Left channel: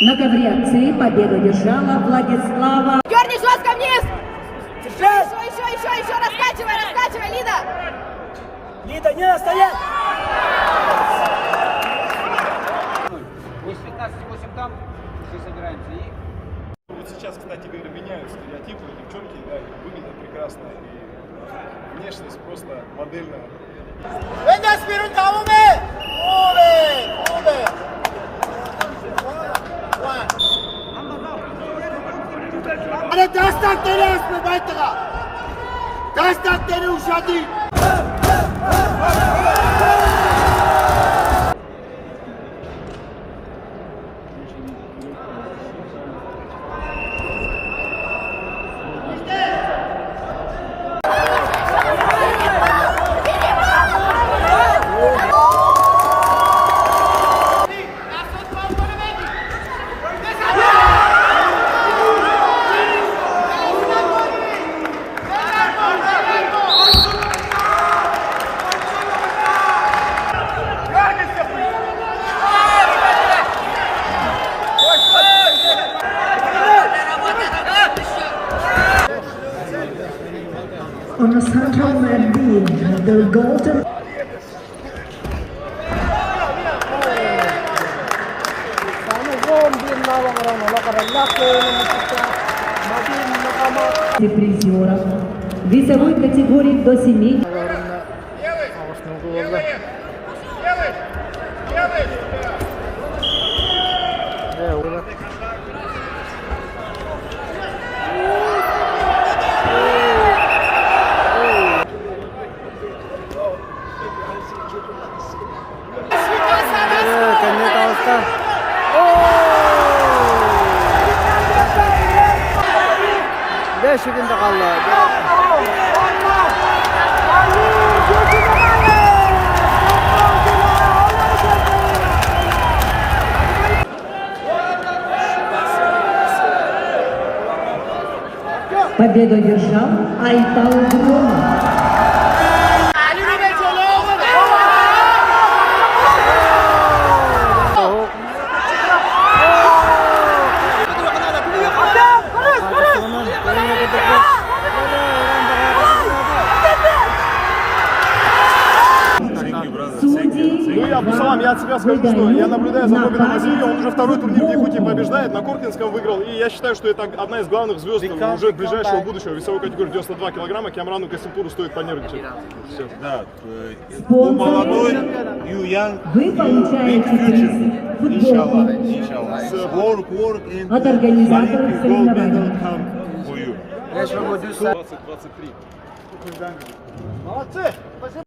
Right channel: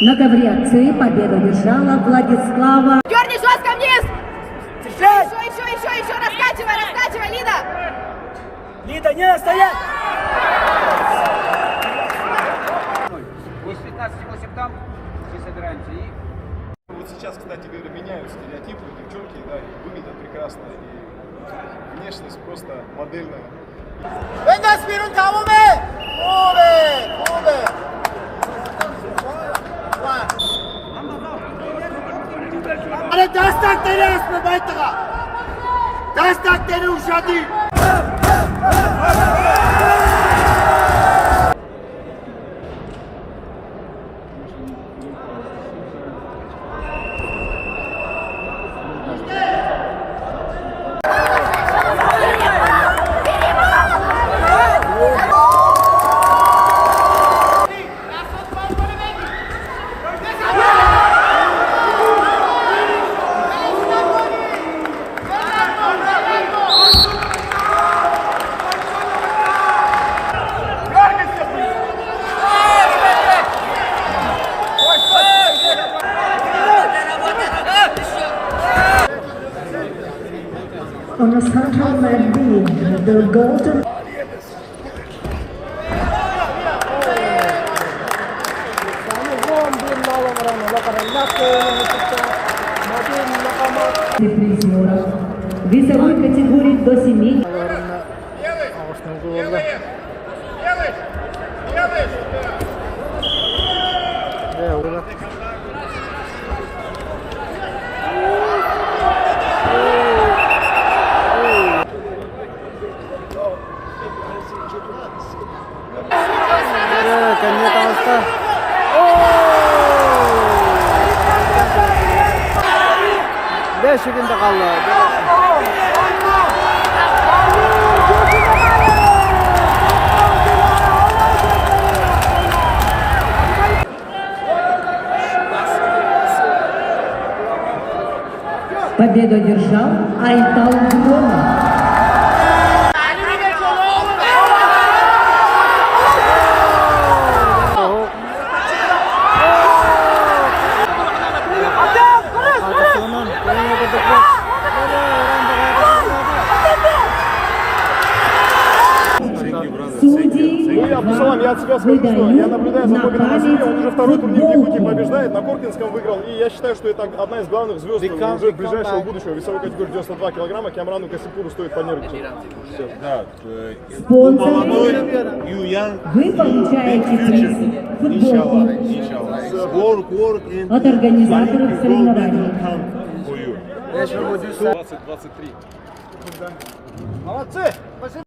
На ковре акции победу держала Владислава. Дерни жестко вниз! Еще, раскачивай, Лида! Лида, не стоять! 8:15-8 там, мы собираемся и... Вот сейчас, кстати говоря, меняют стереотипы, девчонки, да, и выглядят прекрасно, и внешность просто модельная. On the central beam, the golden. Призеров весовой категории до 7. Şekilde kaldı. Победу одержал Айтал Громов. Я от себя скажу, что я наблюдаю за Богданом Васильевым, он уже второй турнир в Якутии побеждает, на Коркинском выиграл, и я считаю, что это одна из главных звезд уже ближайшего будущего. Весовой категории 92 килограмма, Кямрану Касипуру стоит понервничать. Да, молодой, you young, you big future, inshallah, inshallah. Work and Olympic gold medal come for you. 20-23. Молодцы! Спасибо!